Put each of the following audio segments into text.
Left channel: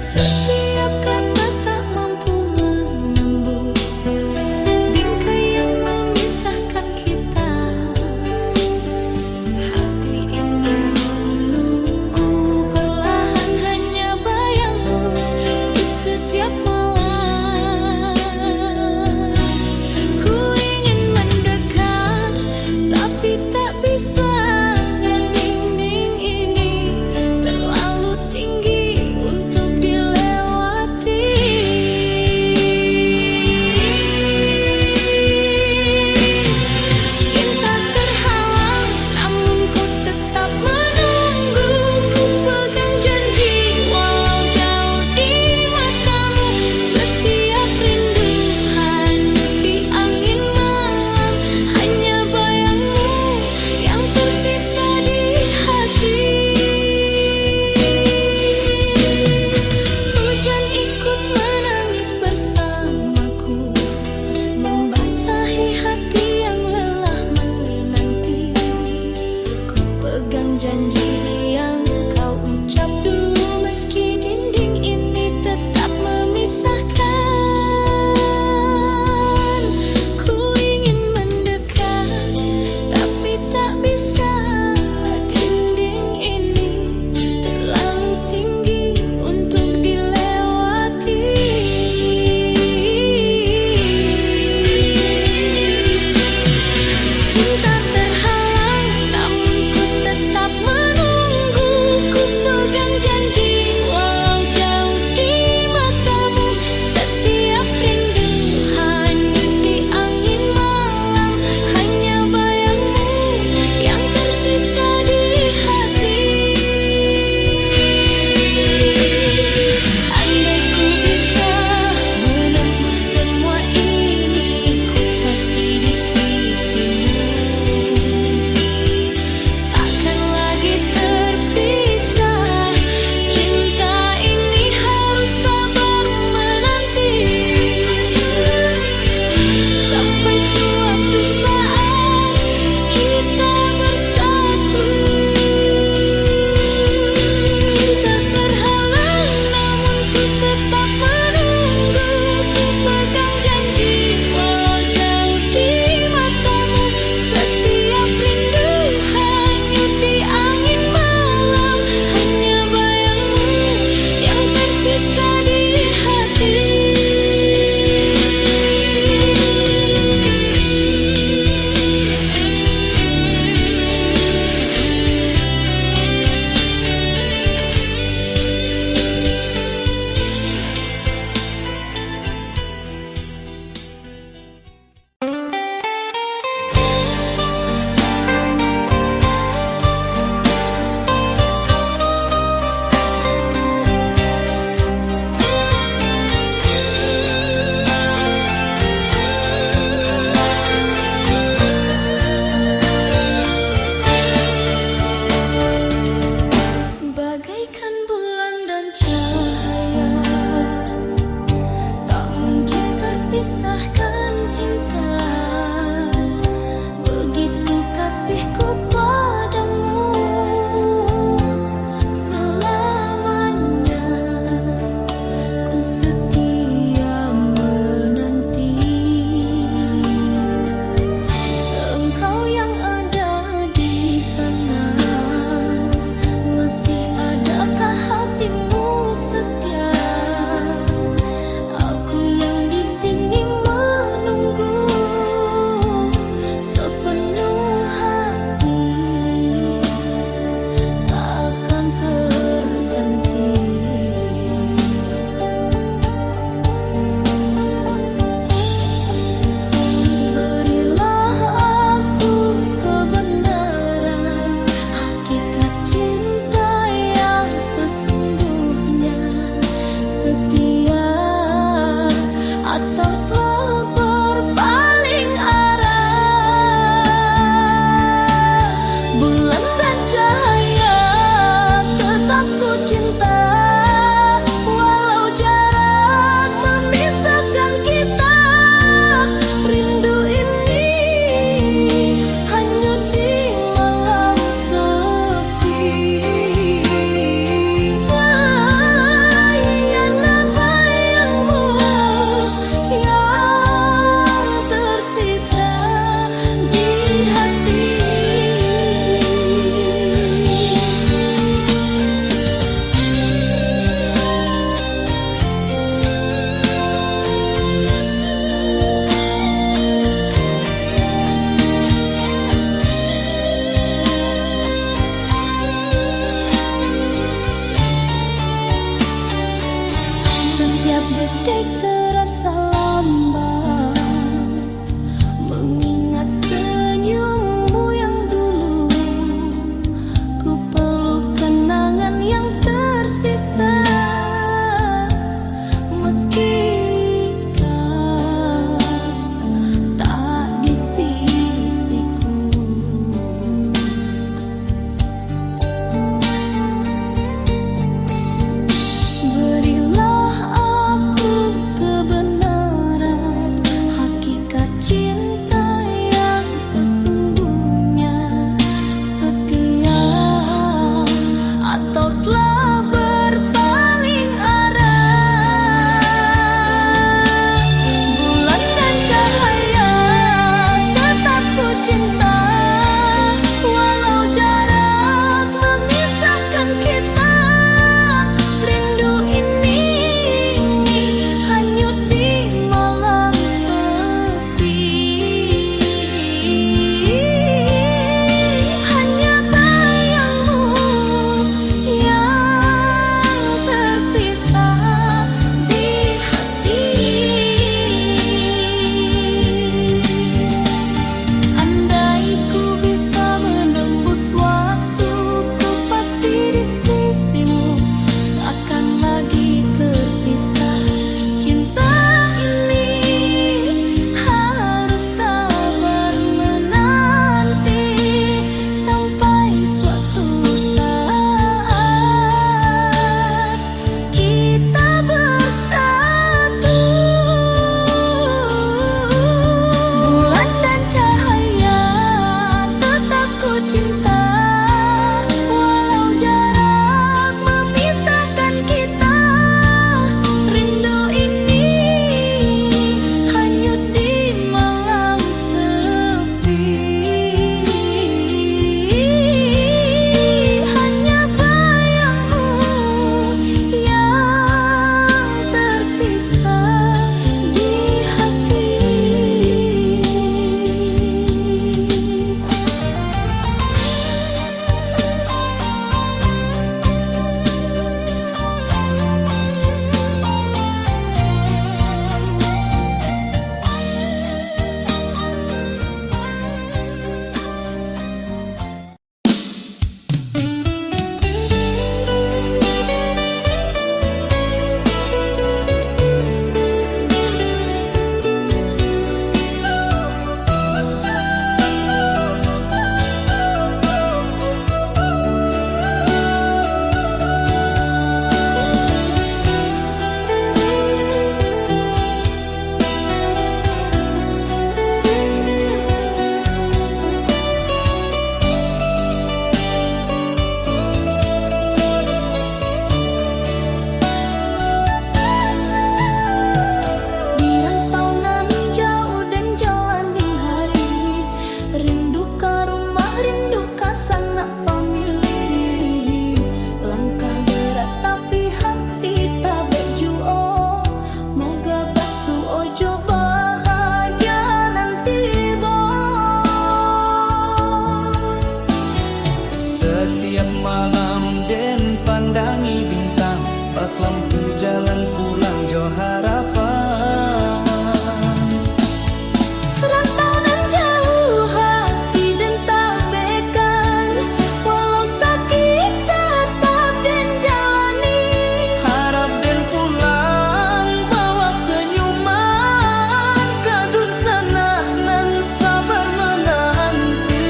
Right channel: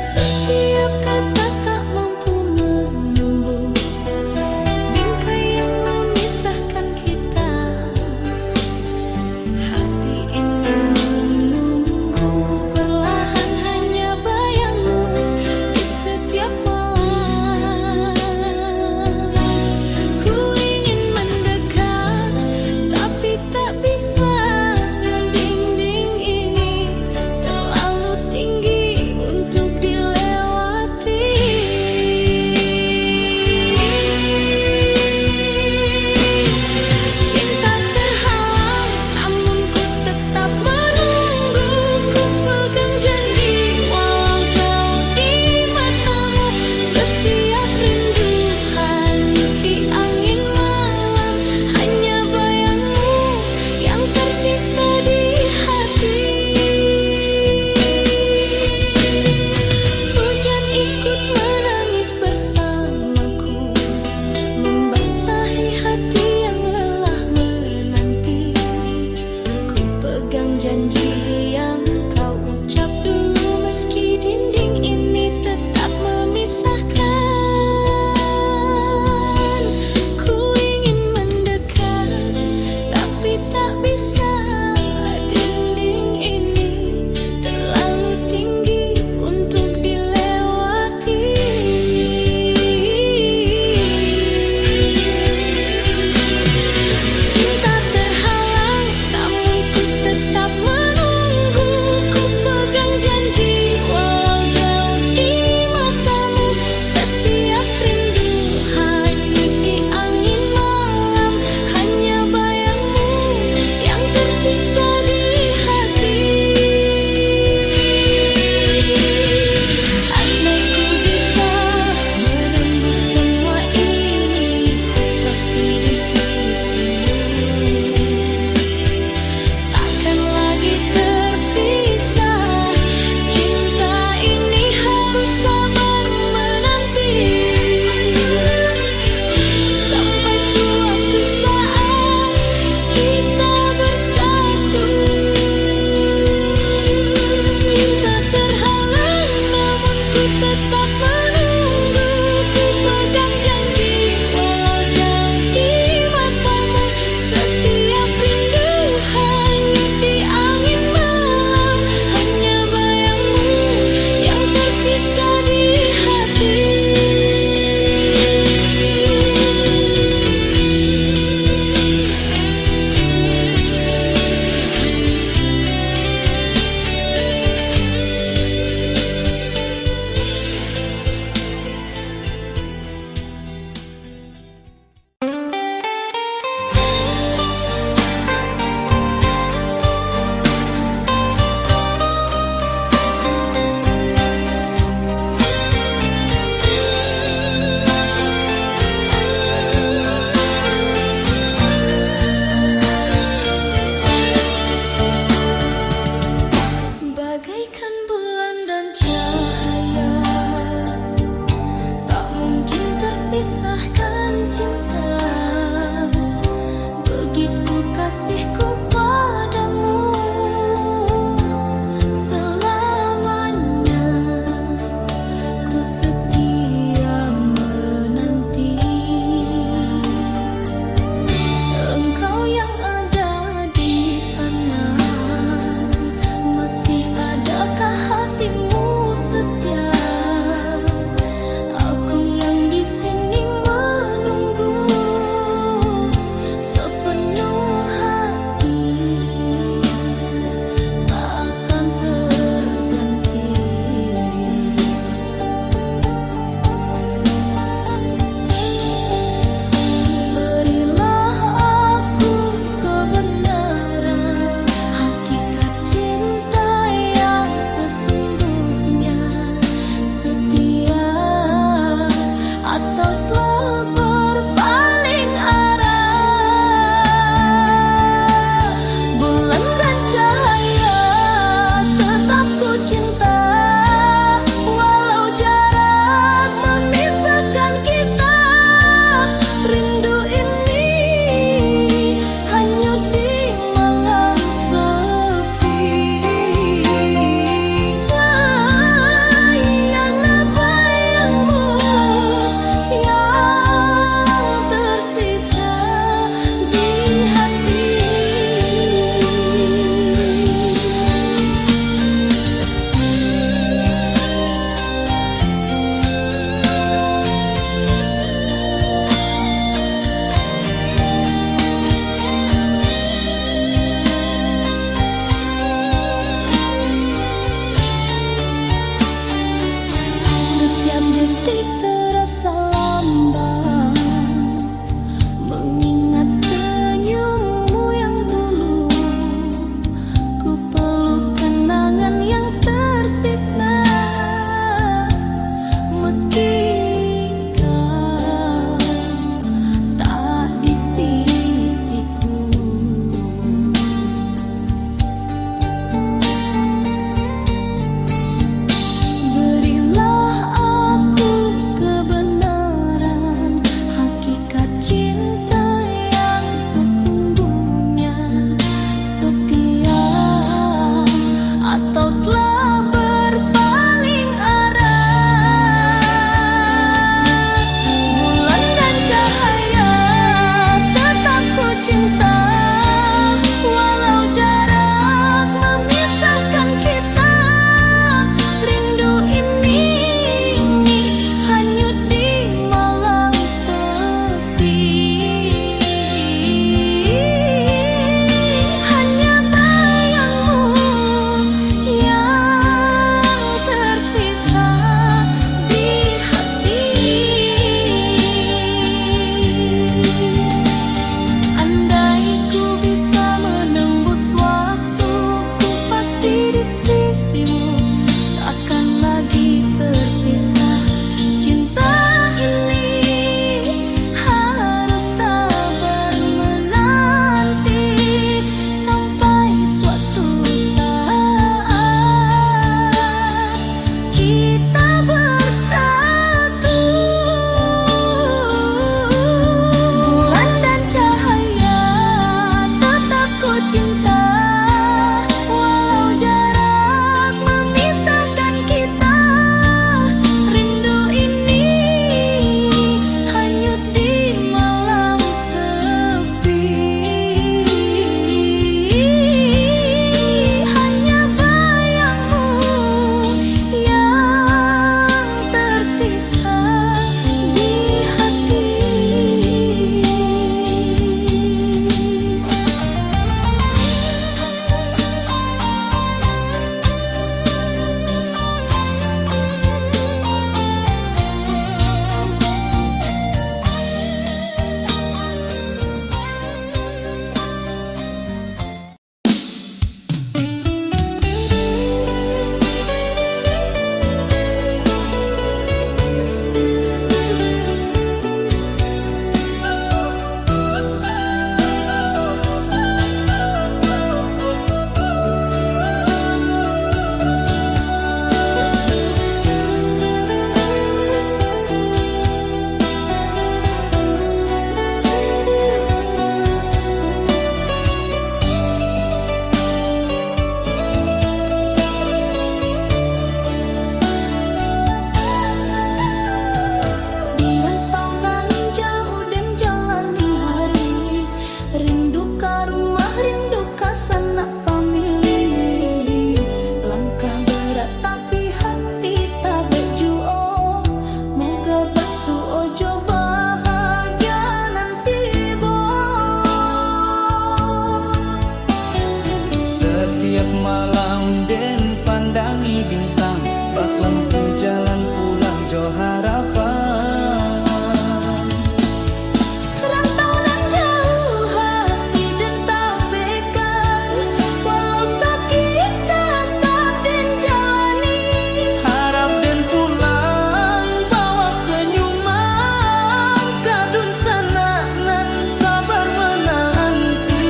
Setiap kata tak mampu menembus bingkai yang memisahkan kita. Hati ini menunggu perlahan hanya bayangmu di setiap malam. Ku ingin mendekat tapi tak bisa. Dinding ini terlalu tinggi untuk dilewati. Setiap detik terasa lambat, mengingat senyummu yang dulu. Ku peluk kenangan yang tersisa, meski kau tak di sisiku. Berilah aku kebenaran, hakikat cinta yang sesungguhnya. Setia atau telah berpaling arah, bulan dan cahaya tetap ku cinta. Walau jarak memisahkan kita, rindu ini hanyut di malam sepi. Hanya bayangmu yang tersisa di hati. Andai ku bisa menembus waktu, ku pasti di sisimu, takkan lagi terpisah. Cinta ini harus sabar menanti sampai suatu saat kita bersatu. Bulan dan cahaya tetap ku cinta, walau jarak memisahkan kita. Rindu ini hanyut di malam sepi. Hanya bayangmu yang tersisa di hati. Di rantau nan jauh dan jalani hari, rindu ka rumah, rindu ka sanak famili. Langkah berat tapi hati tak bejuo, moga basuh ojo bahagia nanti boy. Setiap malam den pandangi bintang, bak lampu jalan pulang jo harapan. Rantau nan jauh hati dan tak bekan, walau sakit tetap dan jalani. Harap den pulang bawa senyuman, kadun sana nan sabar menanti.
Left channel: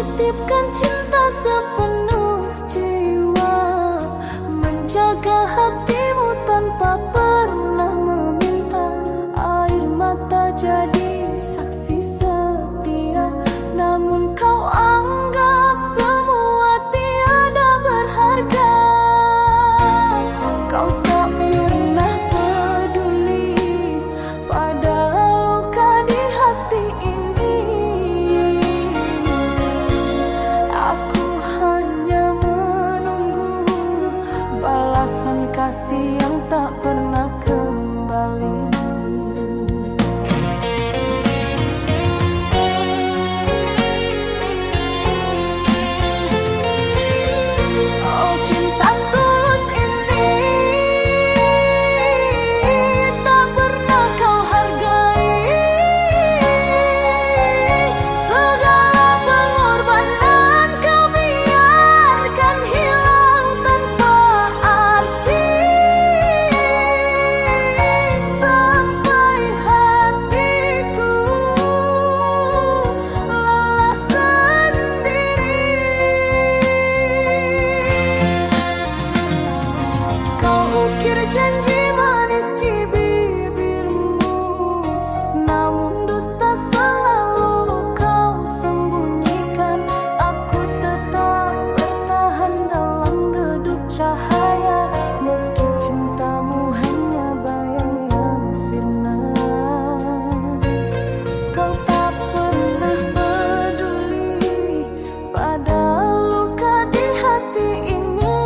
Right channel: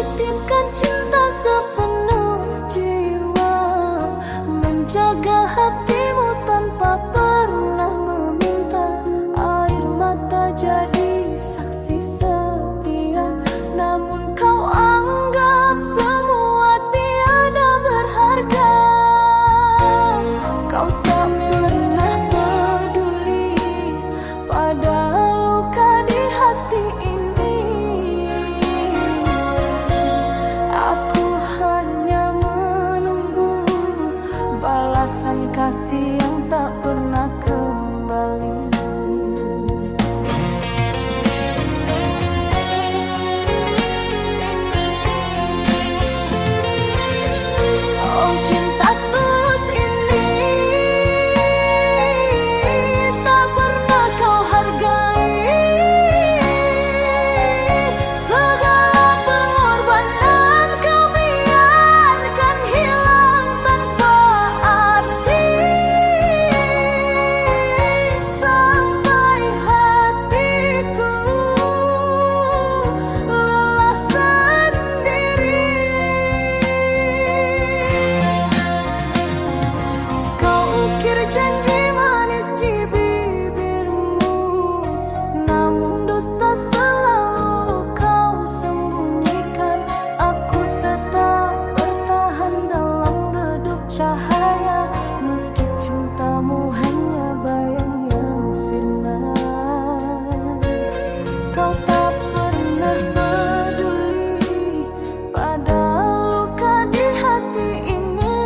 menitipkan cinta sepenuh jiwa, menjaga hatimu tanpa pernah meminta. Air mata jadi saksi setia, namun kau anggap semua tiada berharga. Kau tak pernah peduli pada luka di hati ini. Aku hanya menunggu balasan kasih yang tak pernah kembali. Oh, cinta tulus ini tak pernah kau hargai. Segala pengorbanan kau biarkan hilang tanpa arti. Sampai hatiku lelah sendiri. Kau ukir janji manis di bibirmu, namun dusta selalu kau sembunyikan. Aku tetap bertahan dalam redup cahaya, meski cintamu hanya bayang yang sirna. Kau tak pernah peduli pada luka di hati ini.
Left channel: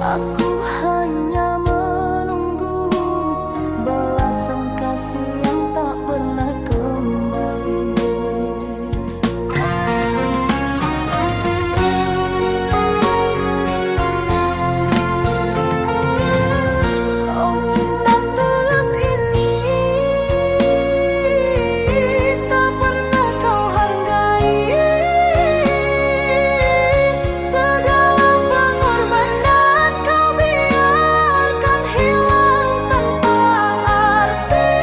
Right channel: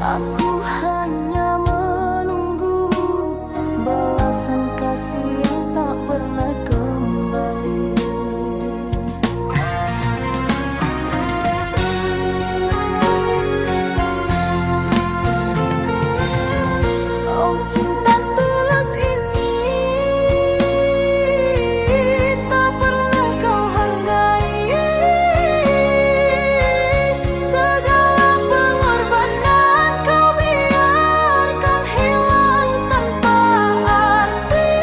Aku hanya menunggu balasan kasih yang tak pernah kembali. Oh, cinta tulus ini tak pernah kau hargai. Segala pengorbanan kau biarkan hilang tanpa arti.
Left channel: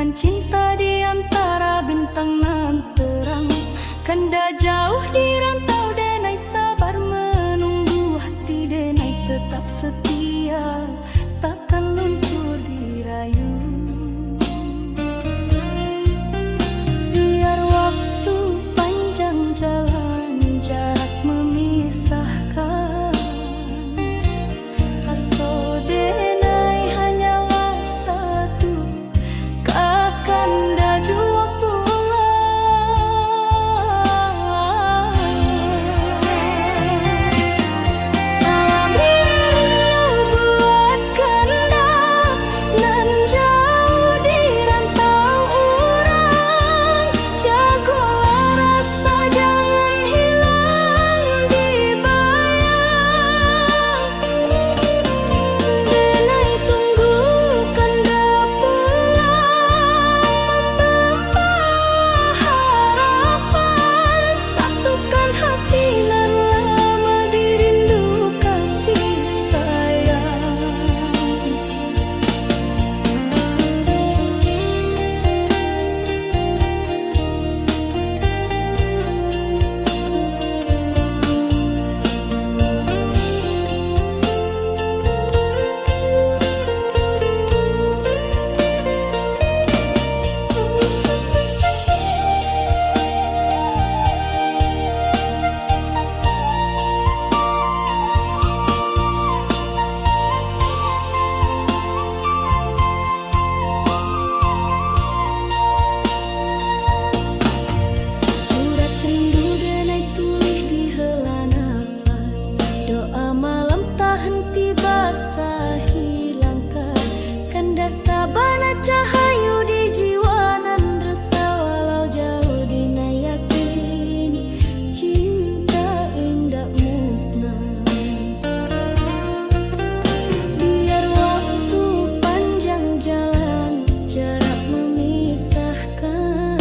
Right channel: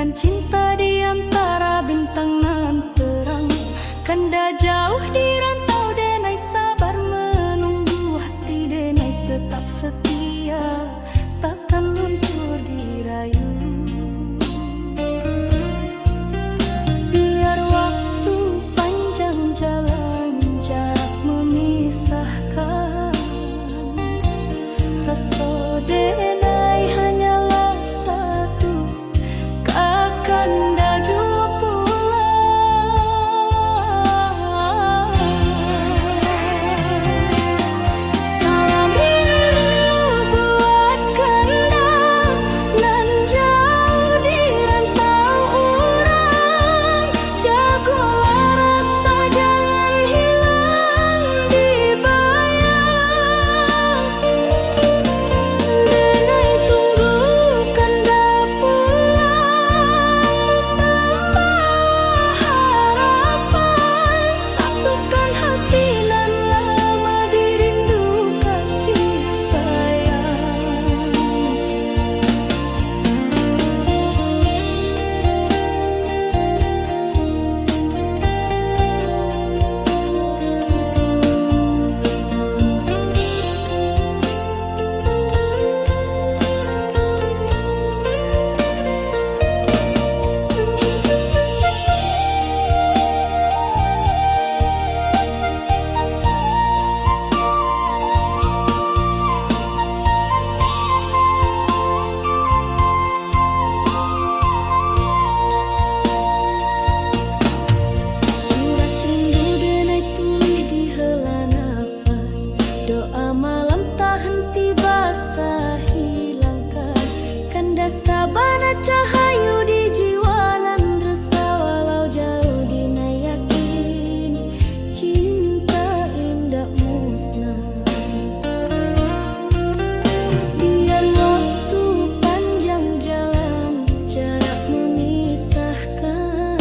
Satukan cinta di antara bintang nan terang. Kanda jauh di rantau denai sabar menunggu. Hati denai tetap setia, takkan luntur dirayu. Biar waktu panjang jalan, jarak memisahkan. Rasa denai hanyalah satu, kakanda jua pulang. Salam rindu buat kanda nan jauh di rantau urang. Jagolah rasa jangan hilang di bayang. Denai tunggu kanda pulang, membawa harapan. Satukan hati nan lama dirindu kasih sayang. Surat rindu denai tulis di hela nafas. Doa malam tak henti basahi langkah. Kanda sabana cahayu di jiwa nan resah. Walau jauh dinai yakin cinta indah musnah. Biar waktu panjang jalan, jarak memisahkan.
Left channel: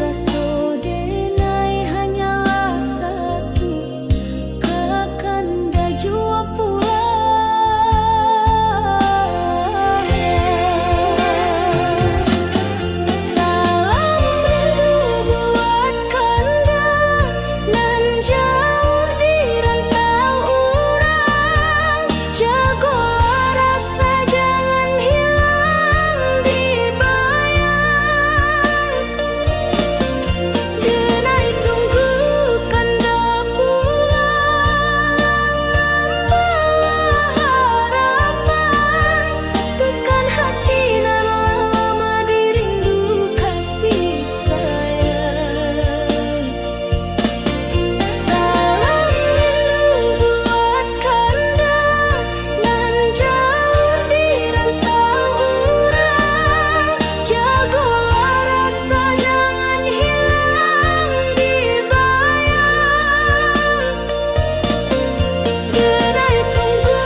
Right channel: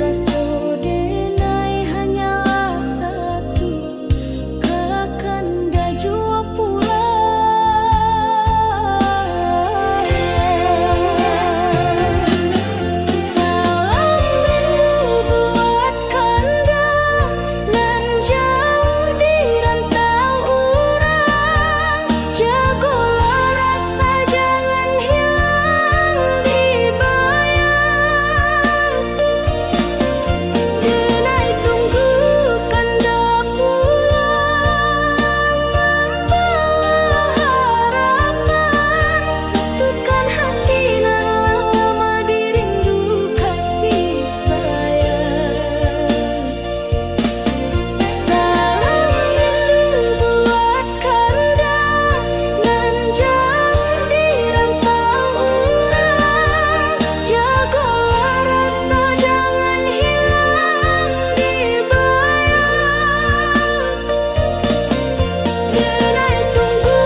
Rasa denai hanyalah satu, kakanda jua pulang. Salam rindu buat kanda nan jauh di rantau urang. Jagolah rasa jangan hilang di bayang. Denai tunggu kanda pulang, membawa harapan. Satukan hati nan lama dirindu kasih sayang. Salam rindu buat kanda nan jauh di rantau urang. Jagolah rasa jangan hilang di bayang. Denai tunggu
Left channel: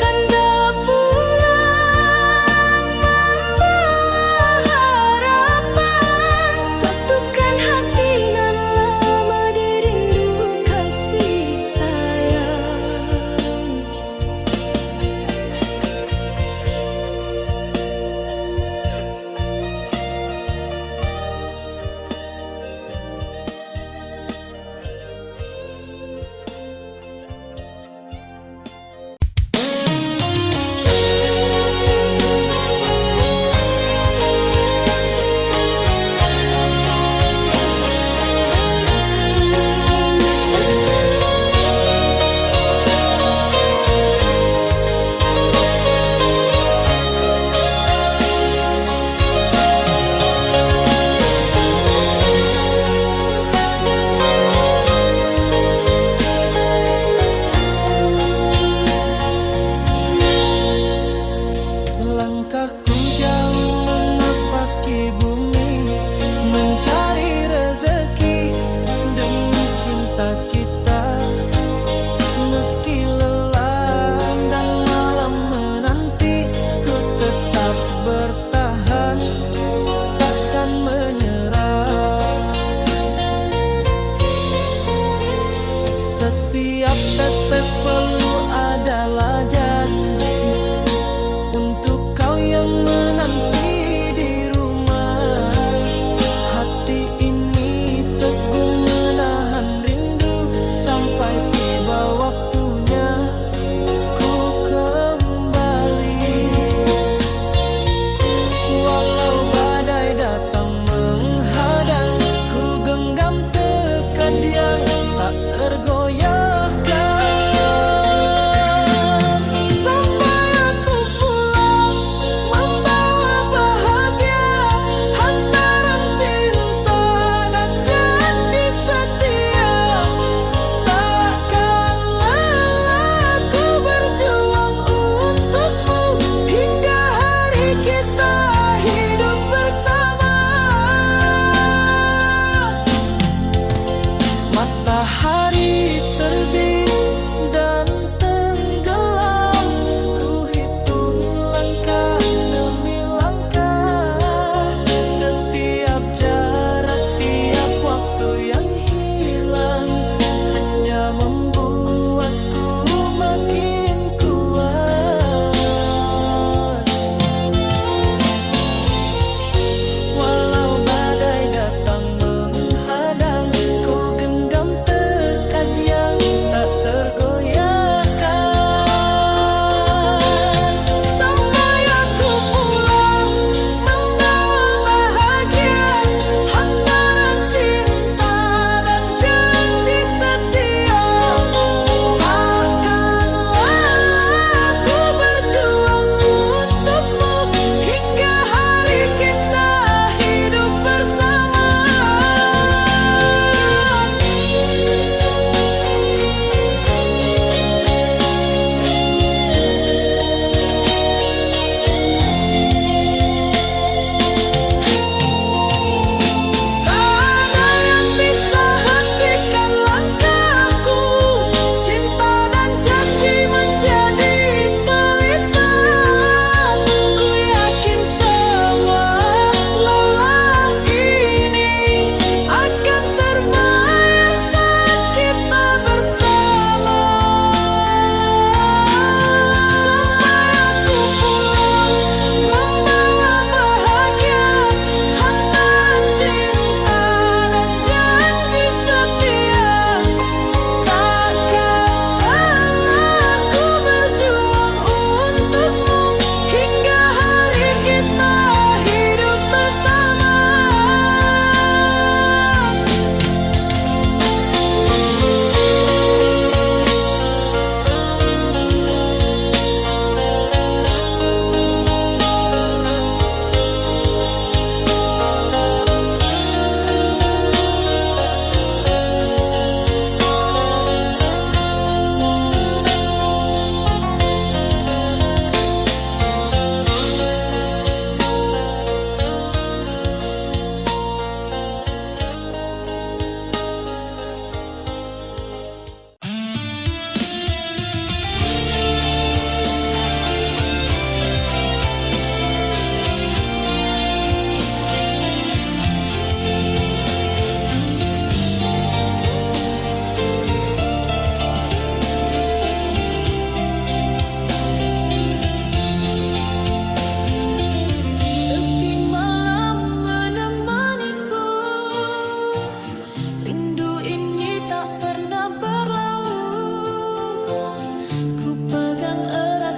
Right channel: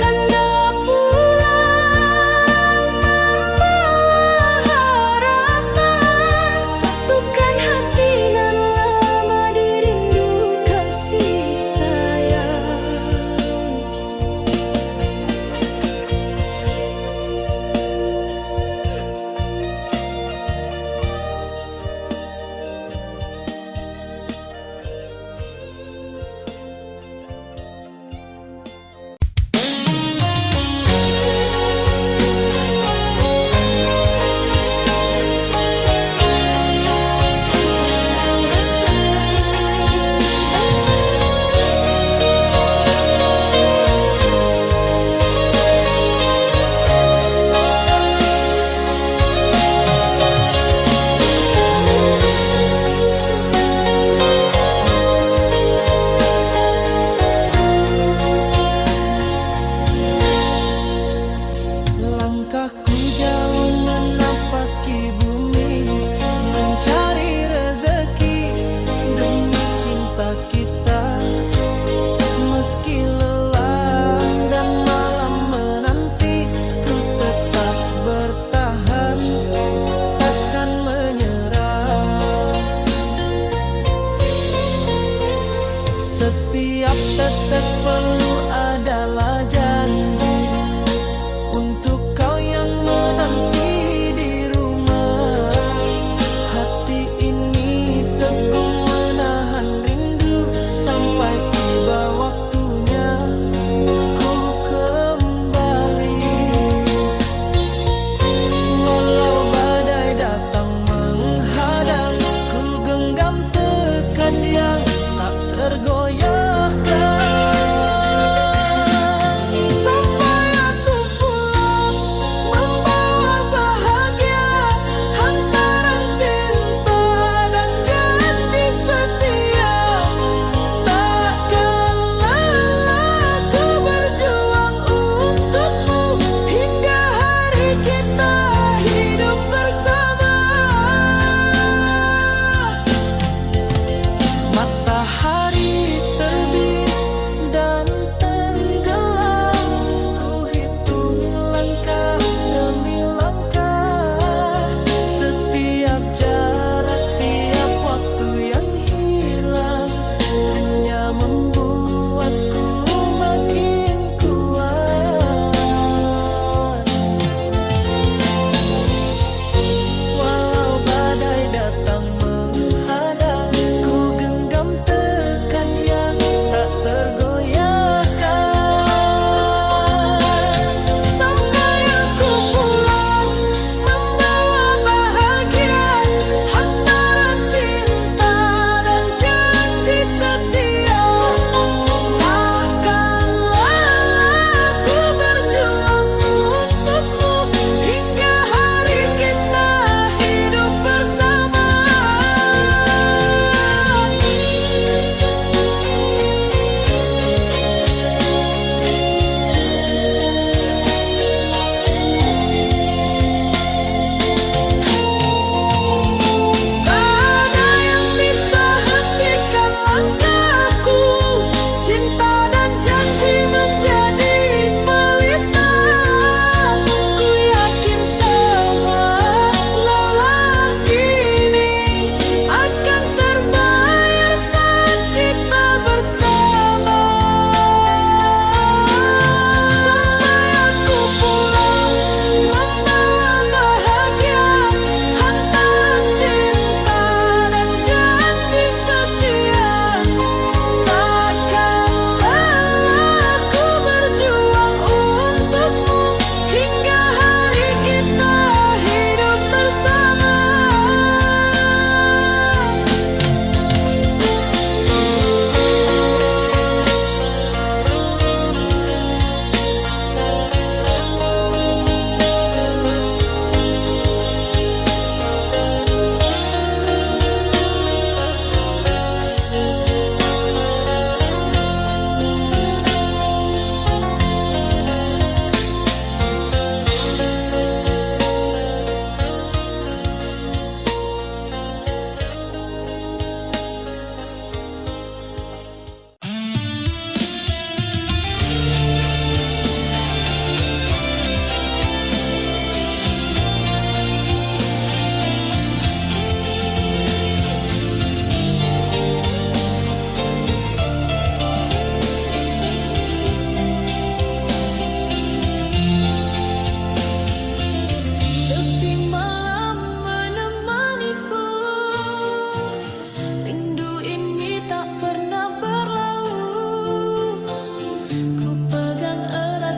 kanda pulang, membawa harapan. Satukan hati nan lama dirindu kasih sayang. Langkahku jauh menapaki bumi, mencari rezeki demi cinta kita. Meski lelah dan malam menanti, ku tetap bertahan, takkan menyerah. Setiap tetes peluh adalah janji untuk kau yang menanti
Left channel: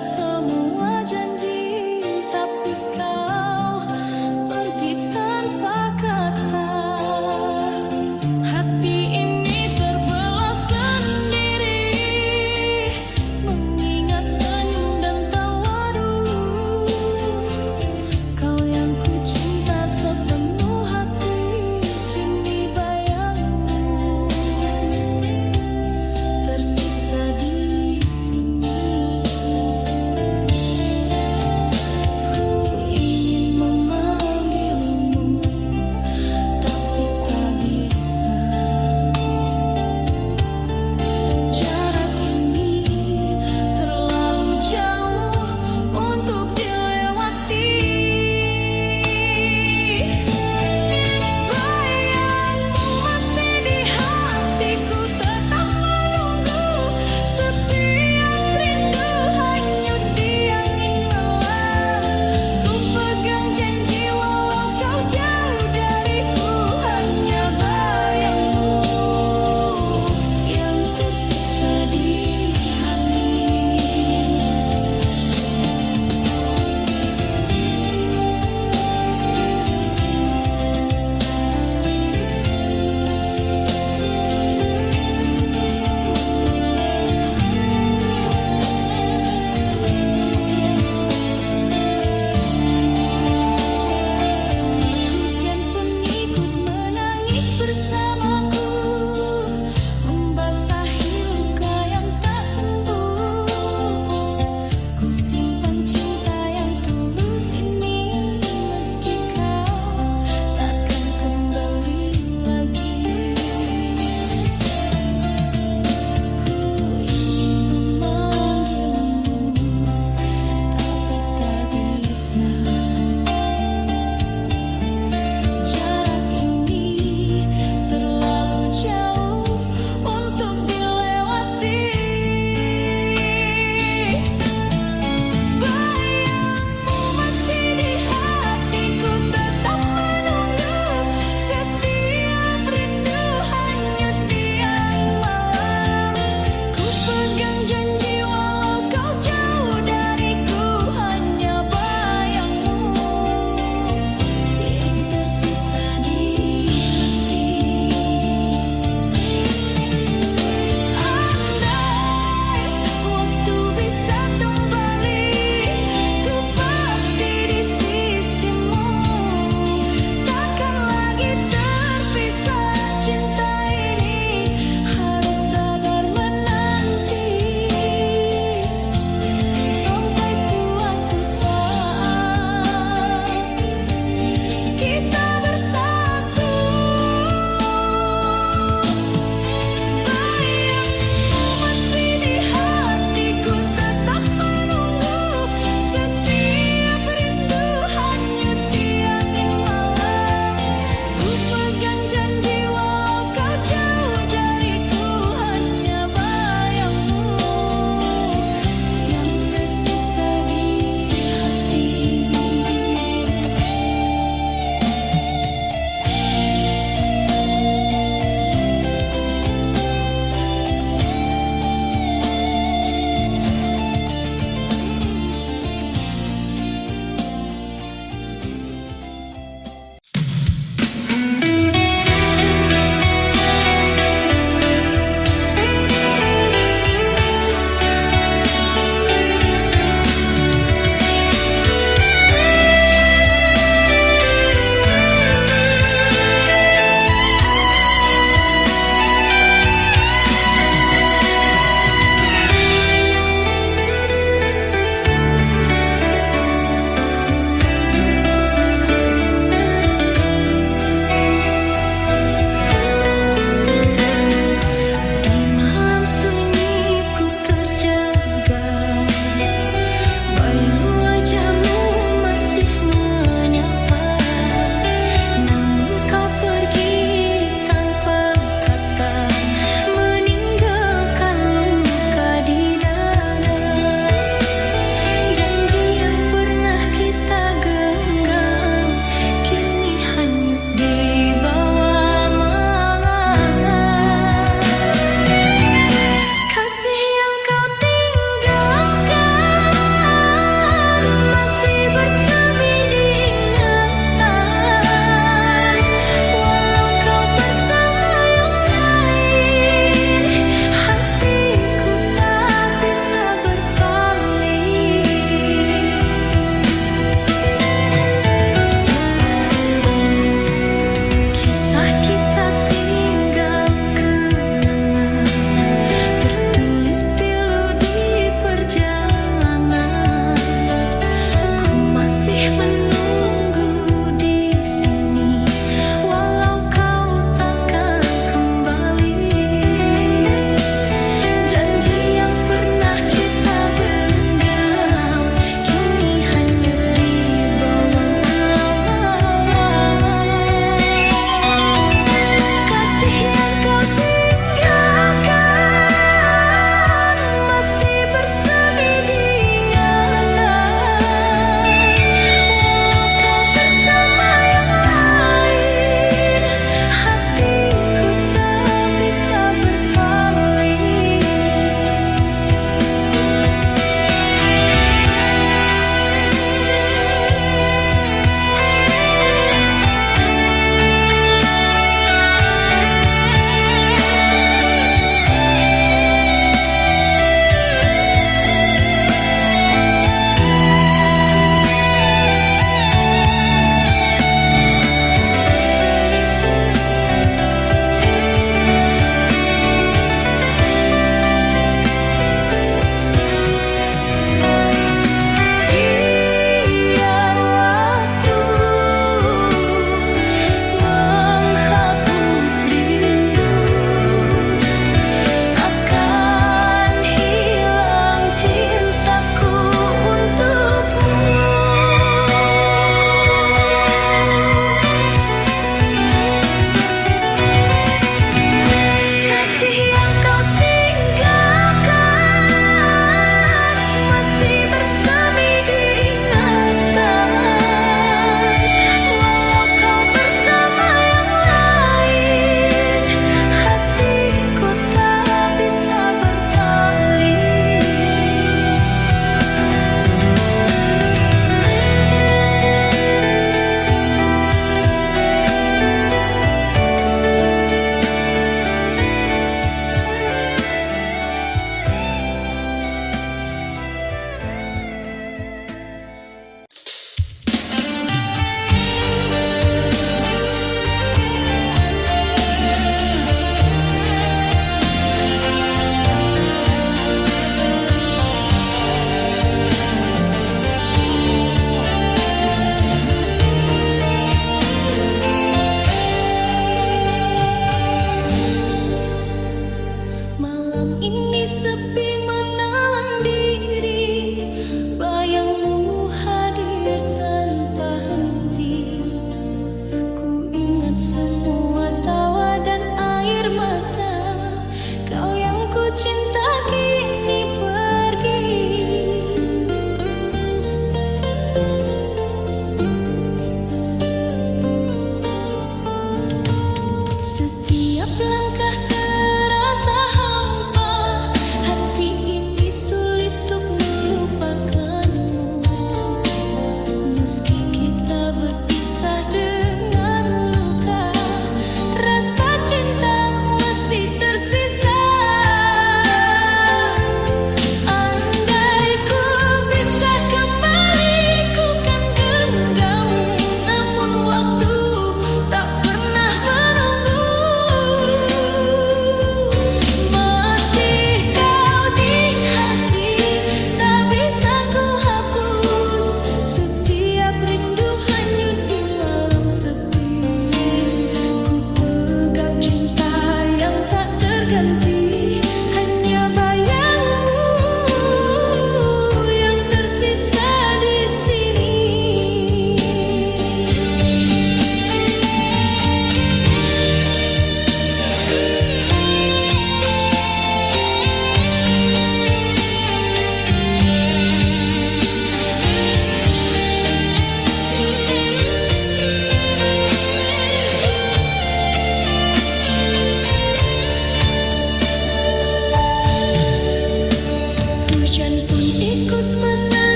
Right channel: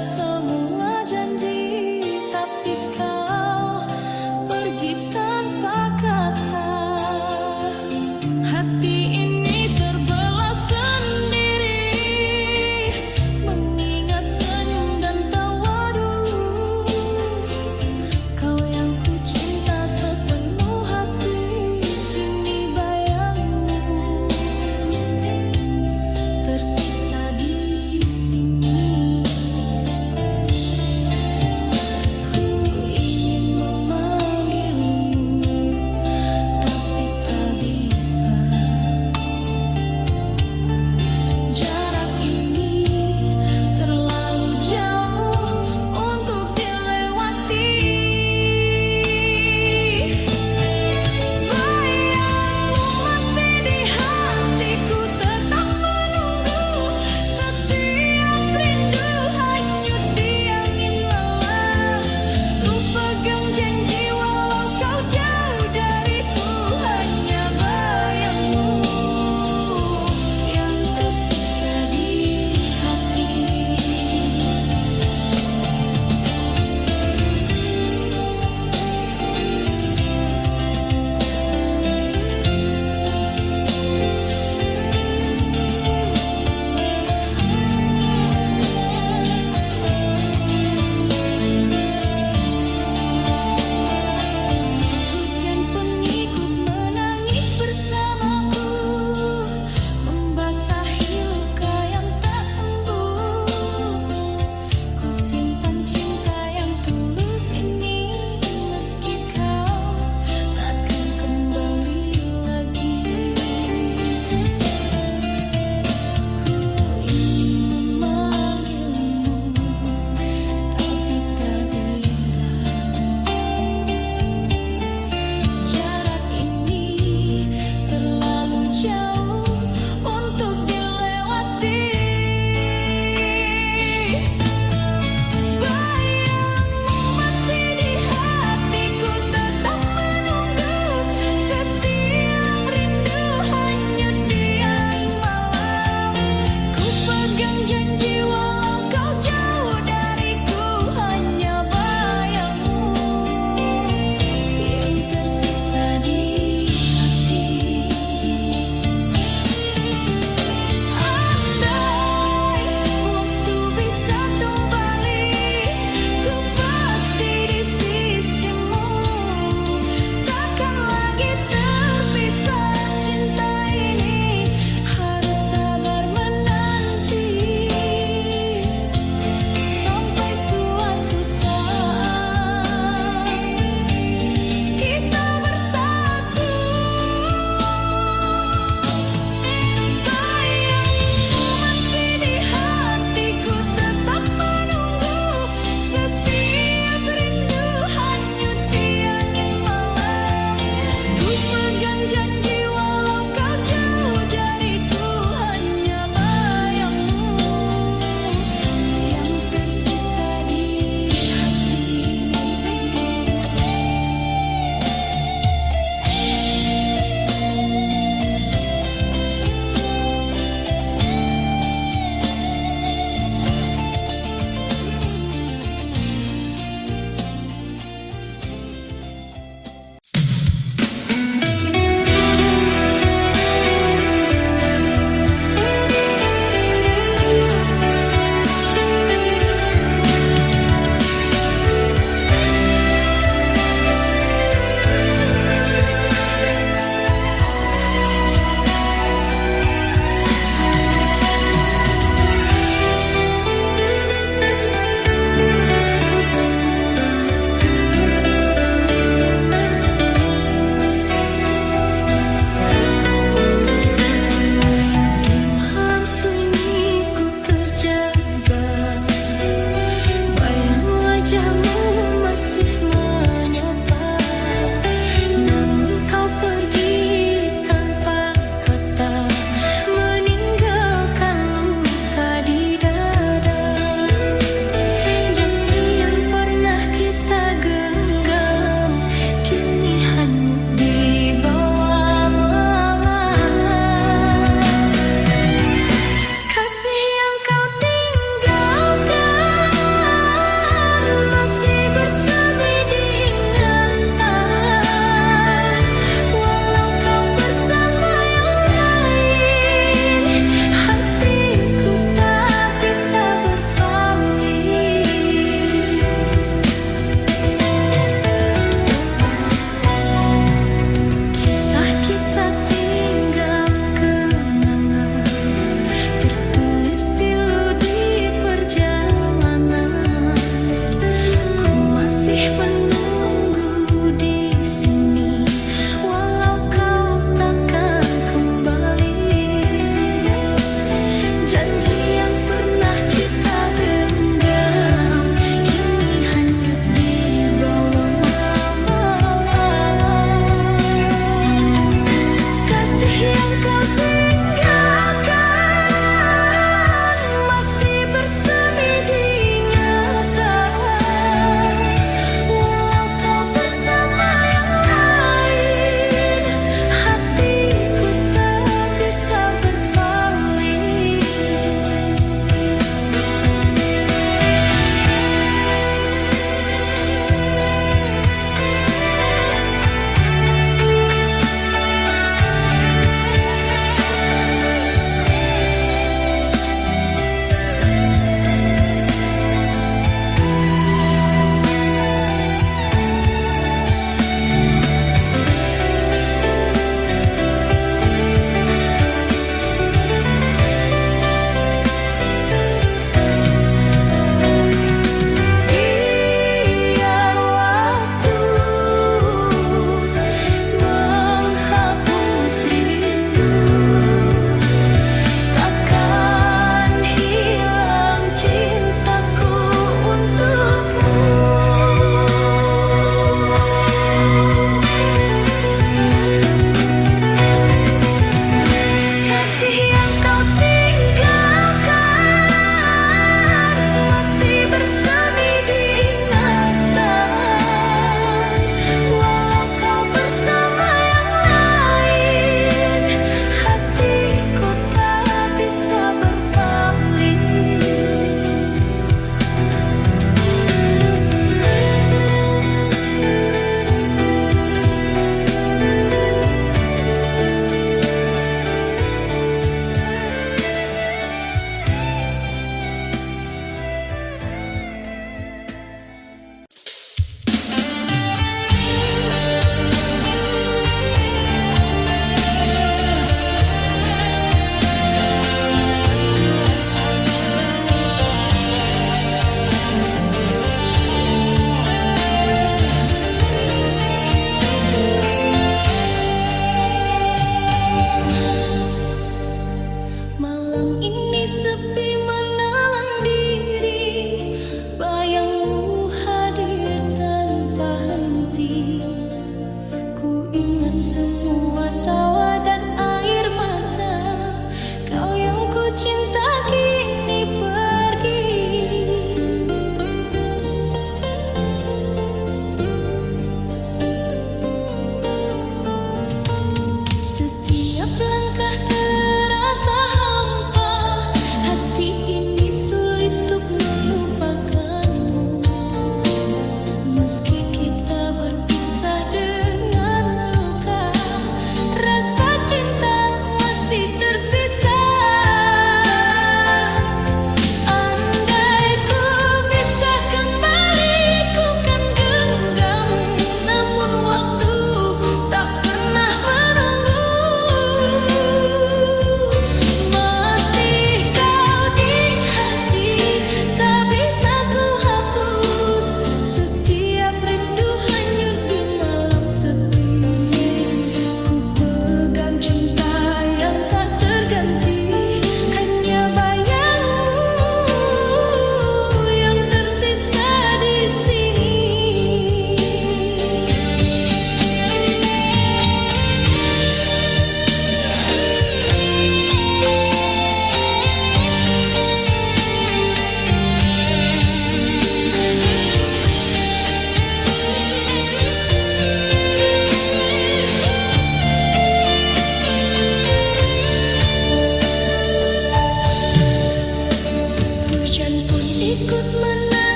buat semua janji, tapi kau pergi tanpa kata. Hati ini terbelah sendiri, mengingat senyum dan tawa dulu. Kau yang ku cinta sepenuh hati, kini bayangmu tersisa di sini. Ku ingin memanggilmu, tapi tak bisa. Jarak ini terlalu jauh untuk dilewati. Bayangmu masih di hatiku, tetap menunggu. Setiap rindu hanyut di angin malam. Ku pegang janji walau kau jauh dariku, hanya bayangmu yang tersisa di hati. Hujan pun ikut menangis bersamaku, membasahi luka yang tak sembuh. Ku simpan